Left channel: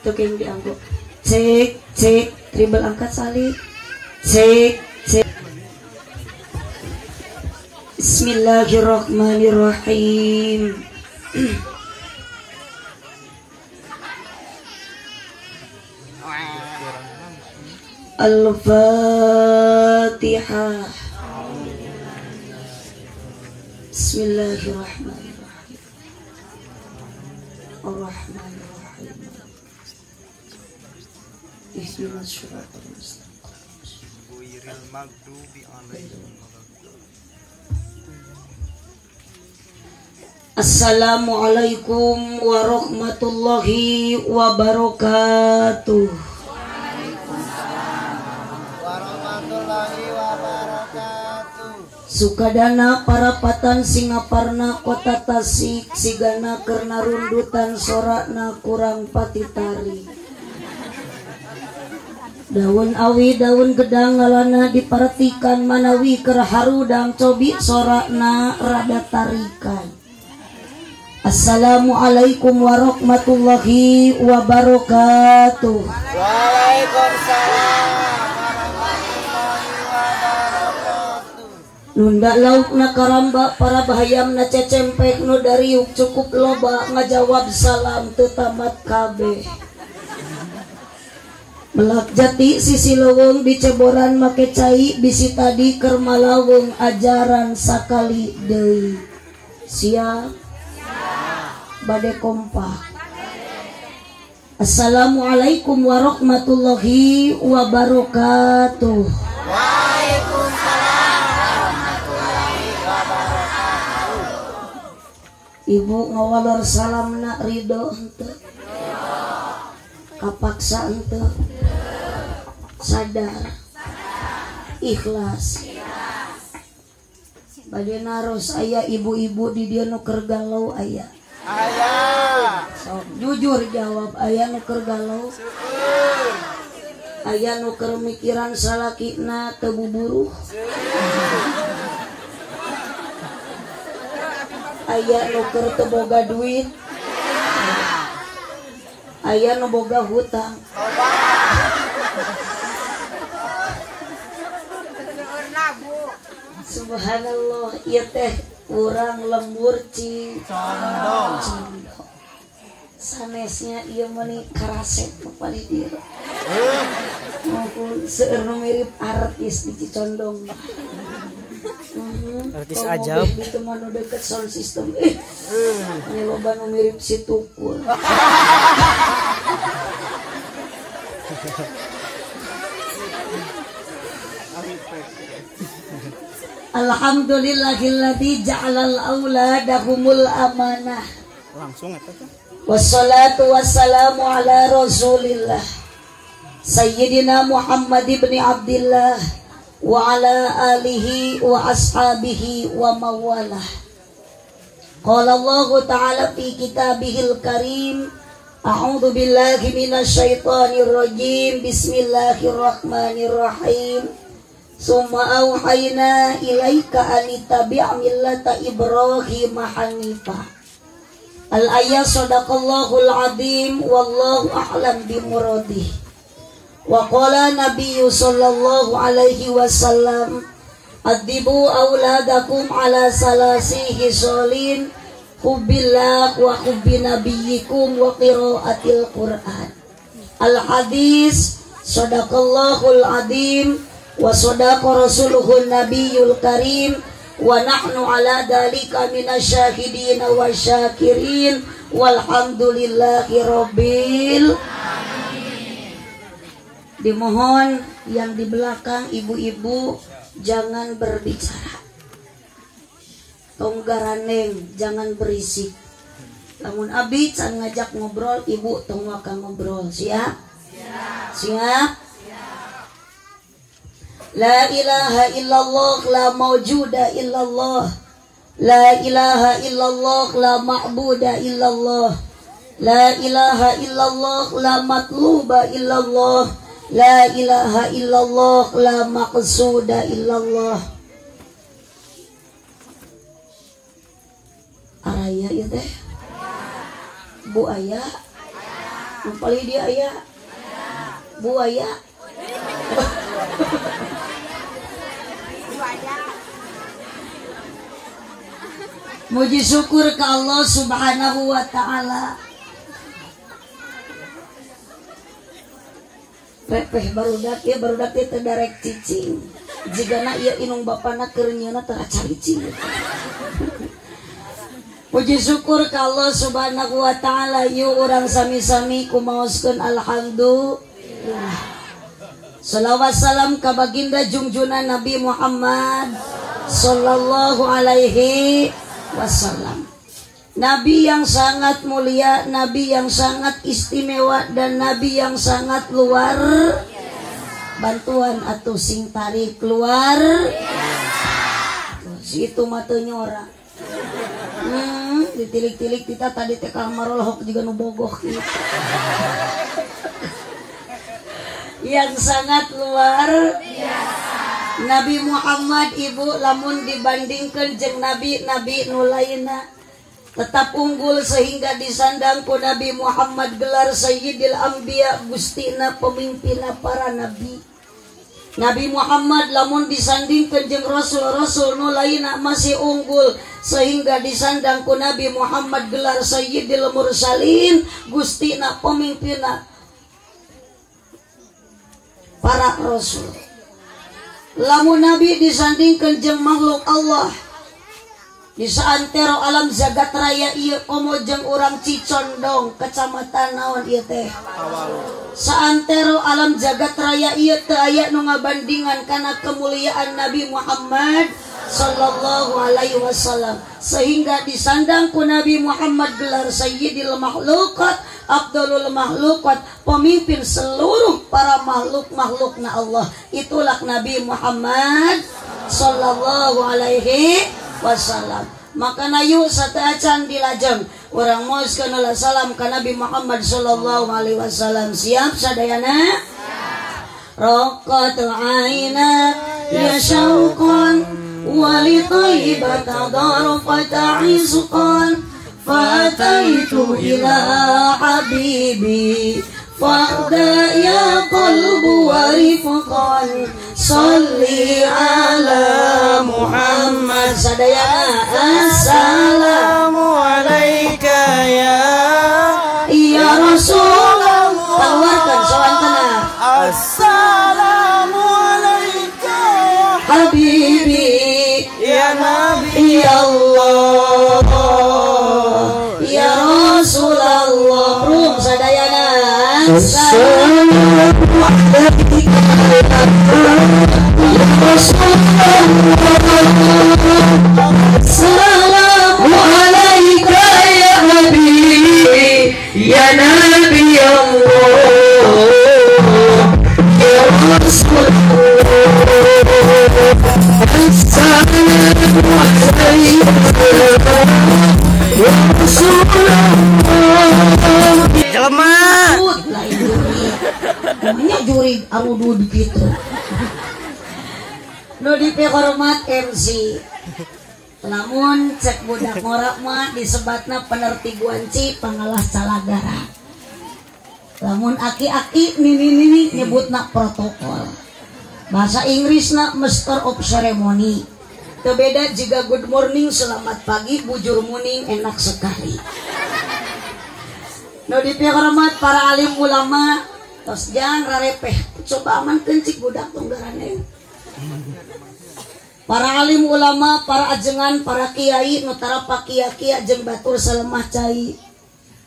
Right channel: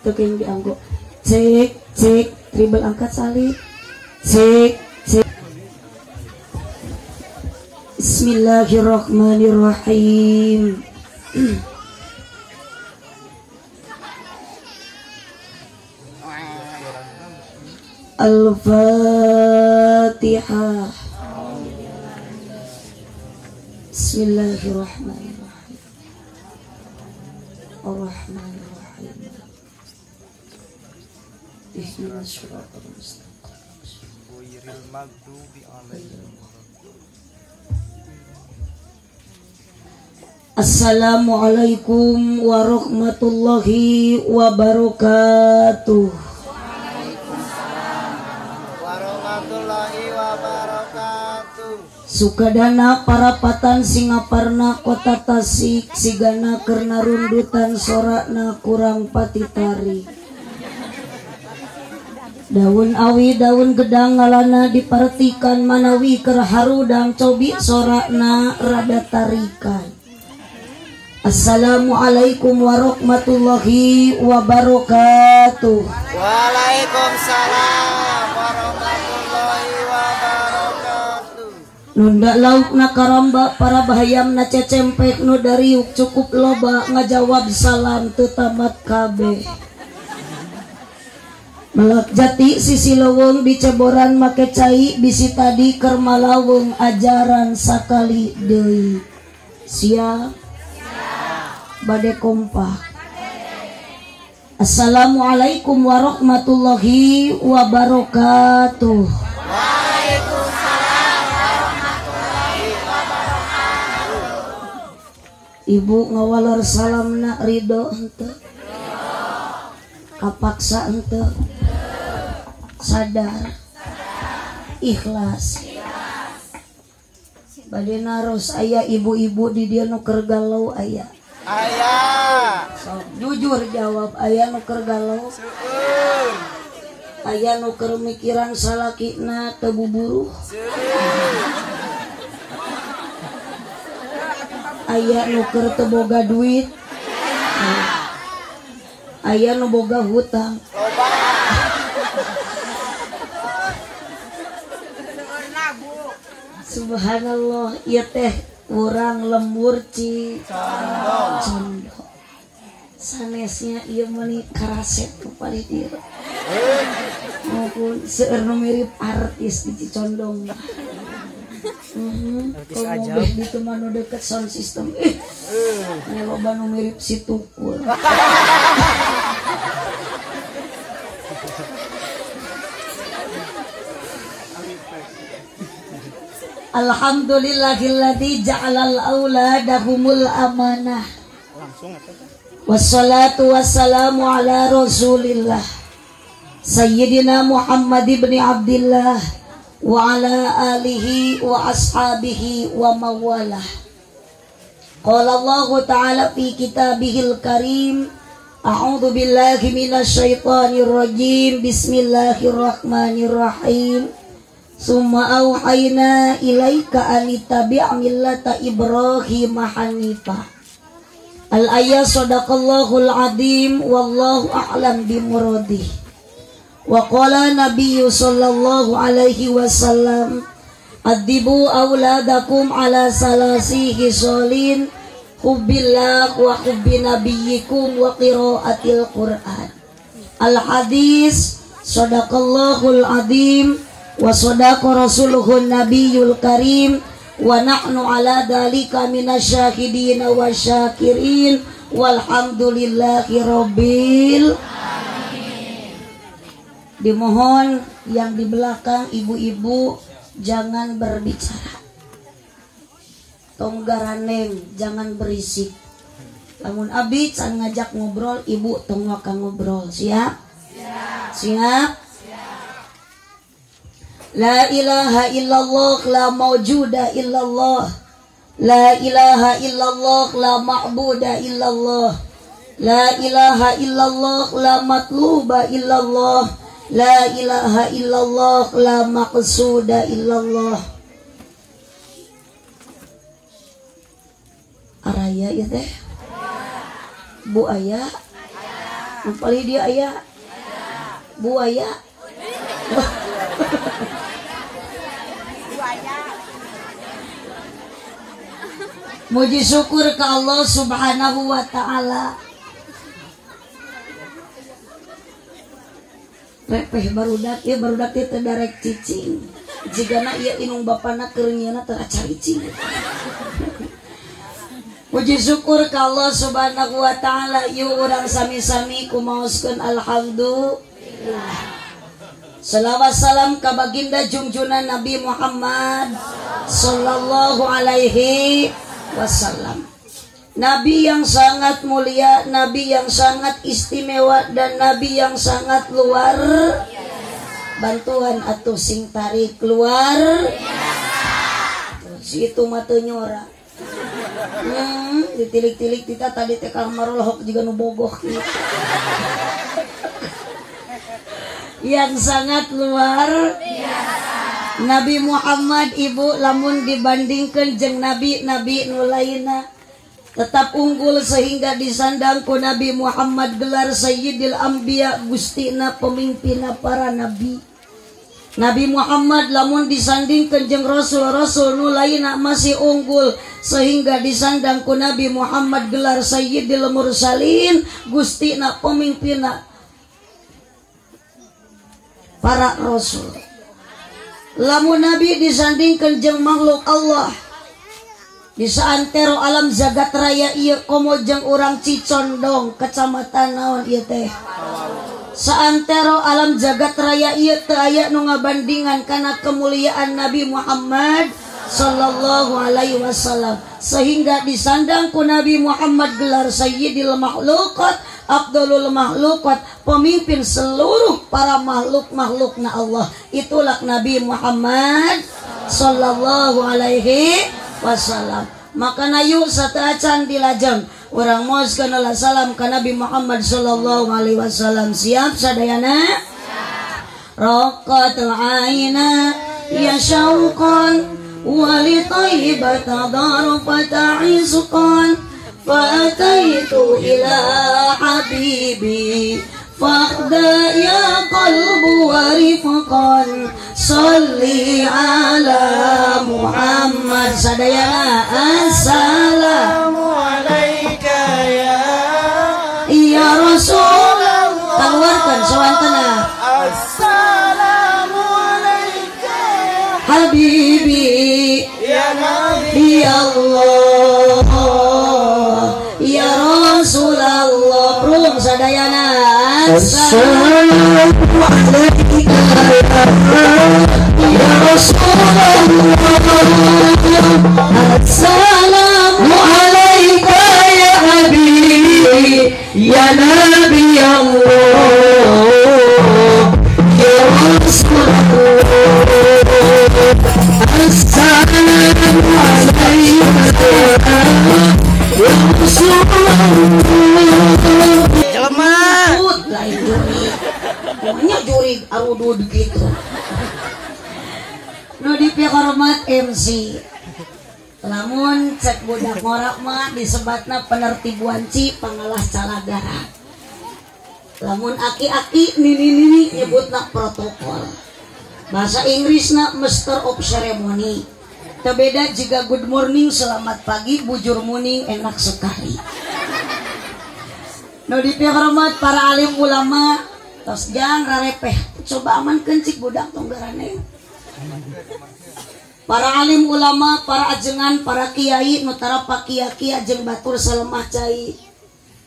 Itu yang dianggap cek cek tribal angkat salib cek cek. Bismillahirrahmanirrahim. Al-Fatihah. Bismillahirrahmanirrahim. Ar-Rahmanirrahim. Ihdinas shiratal mustaqim. Ghairil maghdubi 'alaihim. Assalamualaikum warahmatullahi wabarakatuh. Warahmatullahi wabarakatuh. Sukadana parapatan Singaparna kota Tasik sigana kerna rundutan sorakna kurang patitari. Daun awi daun gedang ngalana diperhatikan manawi kerharudang cobi sorakna rada tarikan. Assalamualaikum warahmatullahi wabarakatuh. Waalaikumsalam warahmatullahi wabarakatuh. Nunda lauk na karamba para bahayam na cecempek nu dariuk cukup loba ngajawab salam tetamat kabeh. Melak jati sisi laweng di ceboran make cai bisi tadi keur malaweng ajaran sakali deui. Siap bade kompak. Assalamualaikum warahmatullahi wabarakatuh. Waalaikumsalam warahmatullahi wabarakatuh. Ibu ngawalar salamna ridho henteu? Kapaksa henteu? Sadar? Ikhlas? Bade naros aya ibu-ibu di dieu nu keur galau aya? Aya. So, jujur jawab, aya nu keur galau? Aya nu keur mikiran salakina teu buburuh? Aya nu keur teu boga duit? Aya nu boga hutang? Loba. Subhanallah, ieu teh urang lembur ci condong. Sanesnya ieu meuni karaset kepada dia. Maupun seueur nu mirip artis di Condong. Artis aja. Di temanu deket sound system. Nya loba nu mirip si Tukul. Alhamdulillahilladzi ja'alal auladahumul amanah. Wassalatu wassalamu ala Rasulillah Sayyidina Muhammad ibn Abdillah wa ala alihi wa ashabihi wa mawalah. Qala Allah ta'ala fi kitabihil karim, a'udzu billahi minasyaitonir rajim. Bismillahirrahmanirrahim. Summa auhayna ilaika anitabi' millata Ibrahim hanifah. Al-ayat sadaqallahul azim wallahu a'lam bimuradih. Wa qala nabiyyu sallallahu alaihi wasallam adibu auladakum ala salasi hisolin hubbillah wa hubbi nabiyyikum wa qiraatil Qur'an. Al-hadis sadaqallahul azim wa sadaqa rasuluhun nabiyyul karim wa nahnu ala dalika minasyahidin wa syakirin walhamdulillahi rabbil alamin. Dimohon yang di belakang ibu-ibu jangan berbicara, tonggaraneng jangan berisik. Namun abi can ngajak ngobrol, ibu tong waka ngobrol siap. Siap? La ilaha illallah la mawjuda illallah. La ilaha illallah la ma'buda illallah. La ilaha illallah la matluba illallah. La ilaha illallah la maqsuda illallah. Araya ya teh. Bu aya. Upali dia aya. Bu aya. Muji syukur ke Allah Subhanahu wa ta'ala. Repeh barudak ya, barudak itu derek cicing. Jigana ieu inung bapana keur nyieuna teu acaricing. Puji syukur ke Allah Subhanahu wa ta'ala. Yuk urang sami-sami kumaoskeun alhamdulillah. Salawat salam ka baginda junjungan Nabi Muhammad sallallahu alaihi wasallam. Nabi yang sangat mulia, Nabi yang sangat istimewa, dan Nabi yang sangat luar. Bantuan atuh sing tarik keluar. Situ mah teu nyora. Ditilik-tilik kita tadi teh kamar lohok juga nu bogoh kieu. Yang sangat luar biasa. Nabi Muhammad ibu lamun dibandingkan jeung nabi-nabi nu lainna tetap unggul sehingga disandang ku Nabi Muhammad gelar Sayyidil Anbiya, gustina pemimpinna para nabi. Nabi Muhammad lamun disandingkeun jeung rasul-rasul nu lainna masih unggul sehingga disandang ku Nabi Muhammad gelar Sayyidil Mursalin, gustina pemimpinna para rasul. Lamun Nabi disandingkeun jeung makhluk Allah di saantero alam jagat raya ieu komo jeung urang Cicondong, kecamatan naon ieu teh? Saantero alam jagat raya ieu teu aya nu ngabandingan kana kemuliaan Nabi Muhammad sallallahu alaihi wasallam, sehingga disandang ku Nabi Muhammad gelar Sayyidil Makhluqat, Abdulul Makhluqat, pemimpin seluruh para makhluk-makhlukna Allah. Itulah Nabi Muhammad sallallahu alaihi wasallam. Maka nayu sataacan dilajeng urang mooskeun salam ka Nabi Muhammad sallallahu alaihi wasallam. Siap sadayana? Raqat aina ya syauqan wali tayyibata darfata izqan fataitu ila habibi faqda ya qalbu warifqan salli ala Muhammad. Sadayana assalamu alayka ya Rasulullah. Tawarkan sawantana assalamu alayka ya habibi ya nabi Allah ya Rasulullah. Belum sadayana assalamu alayka ya Rasulullah assalamu alayka ya habibi ya nabi Allah ya Rasulullah assalamu alayka ya Rasulullah. Namanya juri arudud gitu. Nu dipihormat MC. Lamun cek budak ngorak mah disebatna penertibuan ci pangalah calagara. Lamun aki-aki nini nyebutna protokol. Bahasa Inggrisna Master of Ceremony. Terbeda jika good morning selamat pagi, bujur morning enak sekali. Nu dipihormat para alim ulama, tos jang rarepeh coba aman kencik budak tonggarane. Para alim ulama, para ajengan, para kiai nu tarapa kiai jeung batur salemah cai.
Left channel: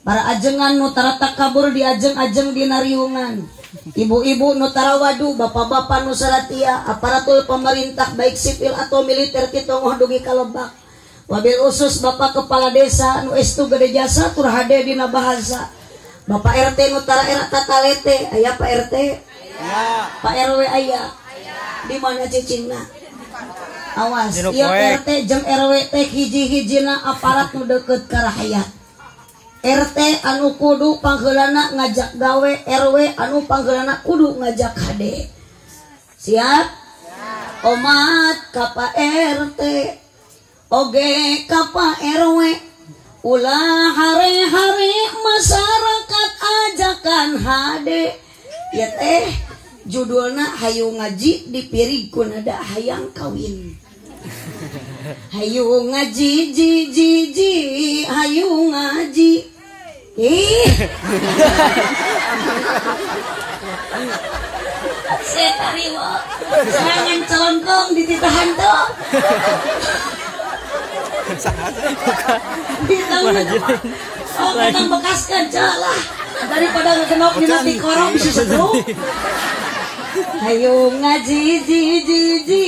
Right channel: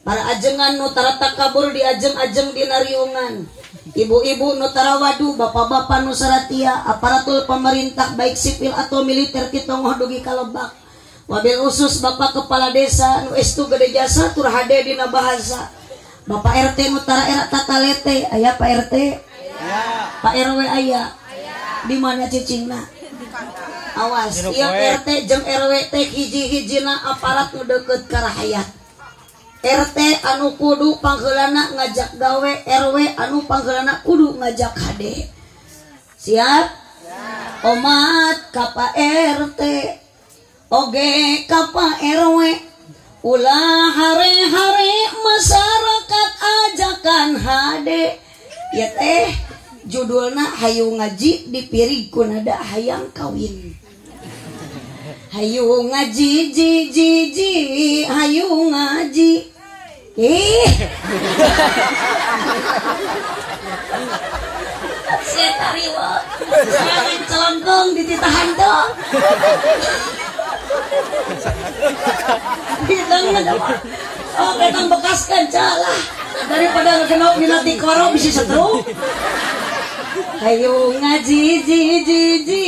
Para ajengan nu tara takabur di ajeng-ajeng dina riungan. Ibu-ibu nu tara wadu, bapak-bapak nu saratia, aparatur pemerintah baik sipil atau militer kita moh dugi ka Lebak. Wabil khusus bapak kepala desa nu estu gede jasa tur hade dina bahasa. Bapak RT Nutara era tatalete aya Pak RT Pak RW aya di mana cicingna awas ieu RT jeung RW teh hiji-hijina aparat nu deukeut ka rakyat RT anu kudu panggeulana ngajak gawe RW anu panggeulana kudu ngajak hade siap omat ka Pak RT oge ka Pak RW ulah hari-hari masyarakat ajakan hade ya teh judulna hayu ngaji dipirig ku nada hayang kawin hayu ngaji ji hayu ngaji setariwa jangan celongkong dititahan tuh oh ketang bekaskan calah daripada ngekenok di nanti korong bisa setruk hayu ngaji ji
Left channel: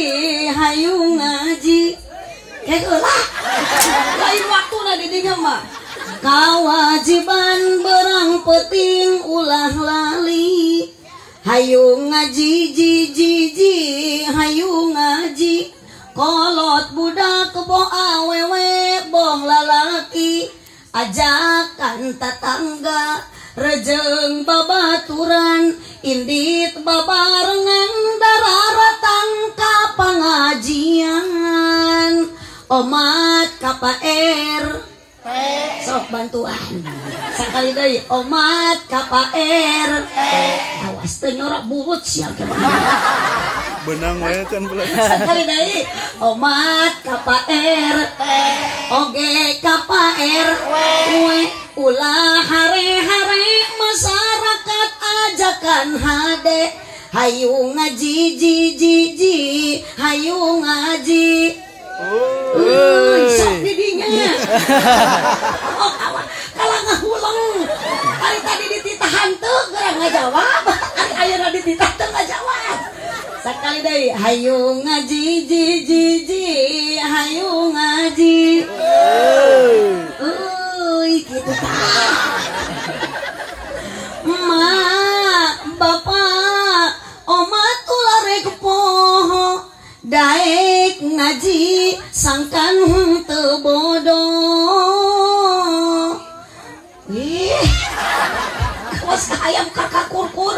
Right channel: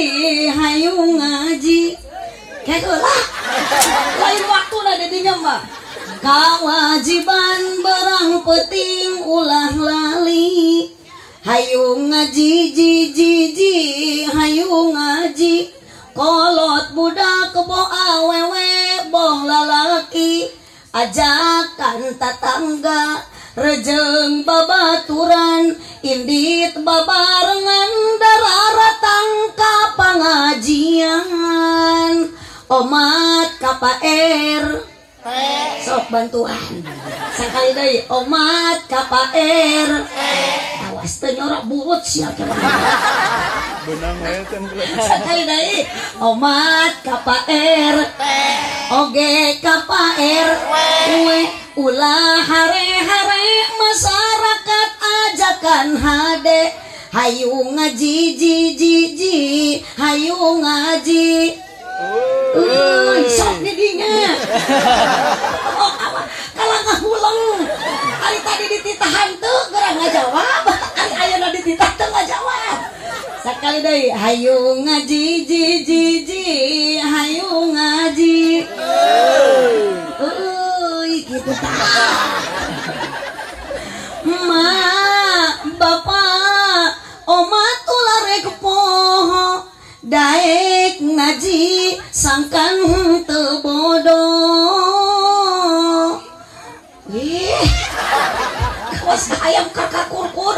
hayu ngaji kayak lah lain waktu na didinya mah kewajiban berang penting ulah lali hayu ngaji ji hayu ngaji kolot budak boh awewe boh lalaki ajakan tatangga rejeng babaturan indit babarengan dararatang ka pangajian omat ka Pak sok bantuan sakali deui omat ka Pak awas teu nyorak buut sia benang we can sakali deui omat ka Pak oge ka Pak ulah hare-hare masyarakat ajakan hade hayu ngaji ji hayu ngaji sok didinya oh kalau ngahuleng hari tadi dititahan tuh gerang ngajawab hari ayeuna dititah tuh ngajawab sakali deui hayu ngaji ji hayu ngaji gitu mak bapak omat ulah rek poho daek ngaji sangkan teu bodoh kos ayam kakak kurkur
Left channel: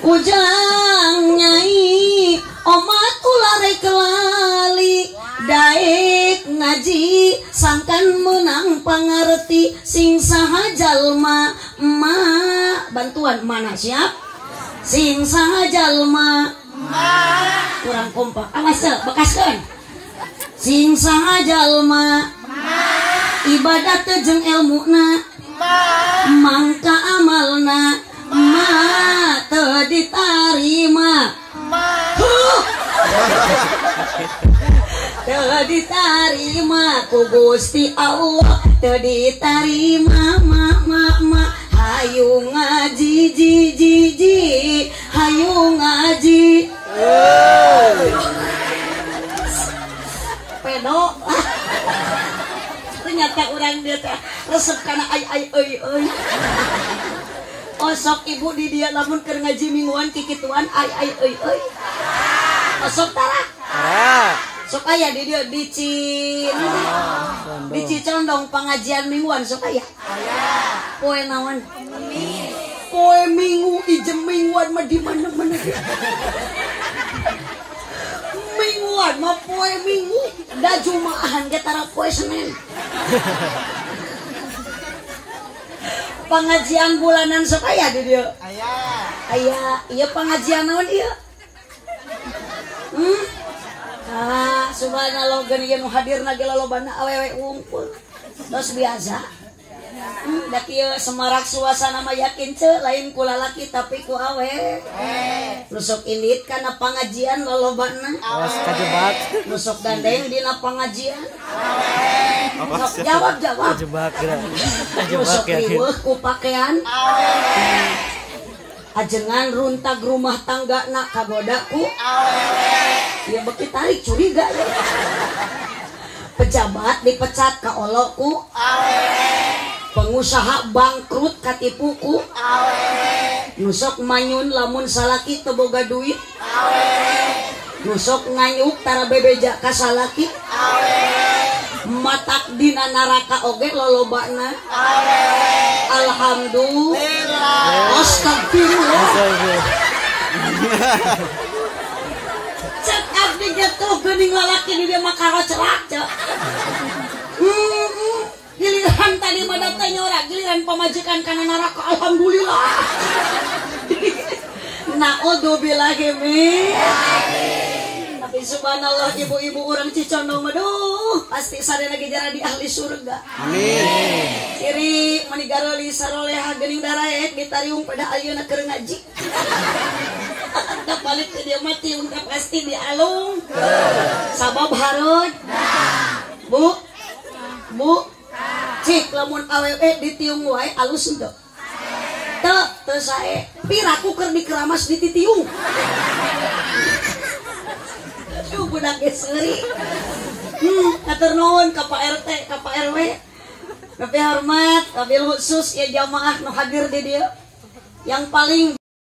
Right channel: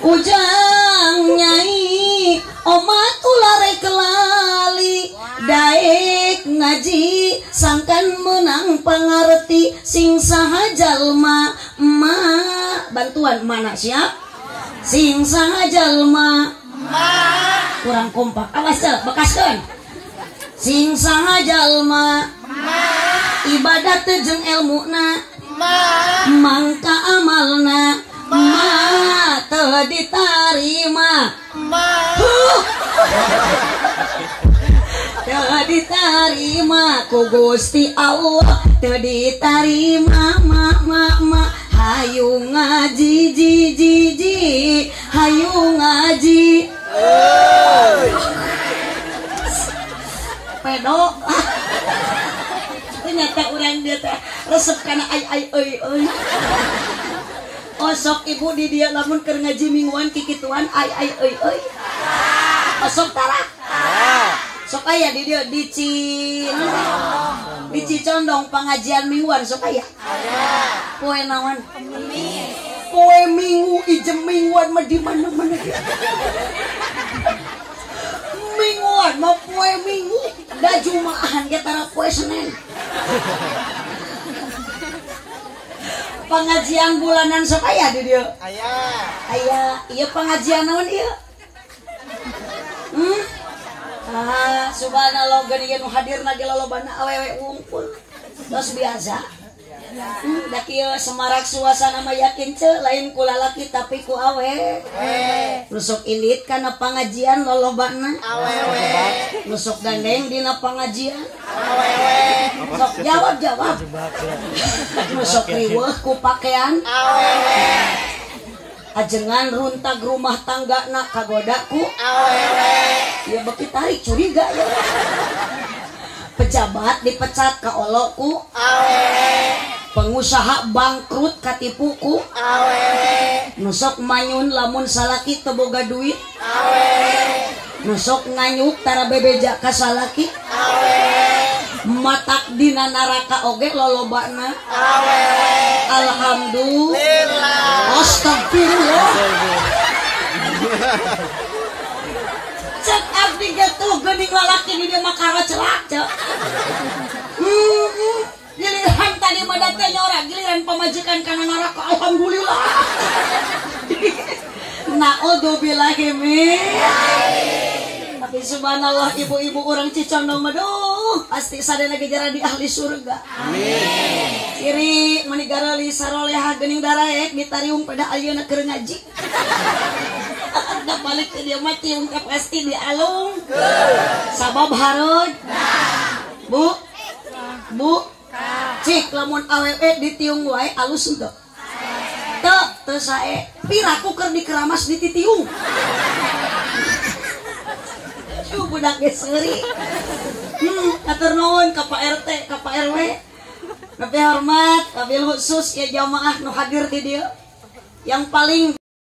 ujang nyai omat ulah rek lali daek ngaji sangkan menang pangarti sing saha jalma emak bantuan mana siap sing saha jalma kurang kompak awas ya bekaskeun sing saha jalma ibadat jeung ilmuna mangka amalna teu ditarima teu ditarima ku Gusti Allah teu ditarima mak hayu ngaji ji hayu ngaji pedok ternyata orang dia teh resep kana ai osok ibu di dia lamun keur ngaji mingguan kikituan ai osok tara sok aya di dia di Condong pengajian mingguan sok aya poe naon poe minggu ijem mingguan mah di mana-mana mingguan mah poe minggu da jumaahan ge tara poe Senin pengajian bulanan sok aya di dia aya ieu pengajian naon ieu subhanallah geuning nu hadirna ge lolobana awewe wungkul tos biasa da kieu semarak suasana mah yakin ceu lain ku lalaki tapi ku awe nusok indit kana pangajian lolobana awewe nusok gandeng dina pangajian awewe sok jawab nusok riweuh ku pakaian awewe ajengan runtag rumah tanggana kagodaku awewe ya beki tarik curiga ya pejabat dipecat ka olokku awewe pengusaha bangkrut katipuku nusok manyun lamun salaki teboga duit nusok nganyuk tara bebeja ka salaki matak dina naraka oge lolobana alhamdulillah astagfirullah cek abdi gitu geuning lalaki di dia makara celak cek giliran tadi mah teh nyorak giliran pamajikan kana neraka alhamdulillah naudzubillahi min tapi subhanallah ibu-ibu orang Cicondong mah pasti sadaya lagi jara di ahli surga amin siri manigaroli saroleha geuning daraek ditariung pada ayeuna keur ngaji da balik ke dia mati ungkap pasti di alung sabab harud bu cik lamun awewe ditiung wae alus henteu teu sae piraku keur dikeramas dititiung budak geus seuri atur nuhun ka Pak RT ka Pak RW tapi hormat kabil khusus ya jamaah nu hadir di dieu yang paling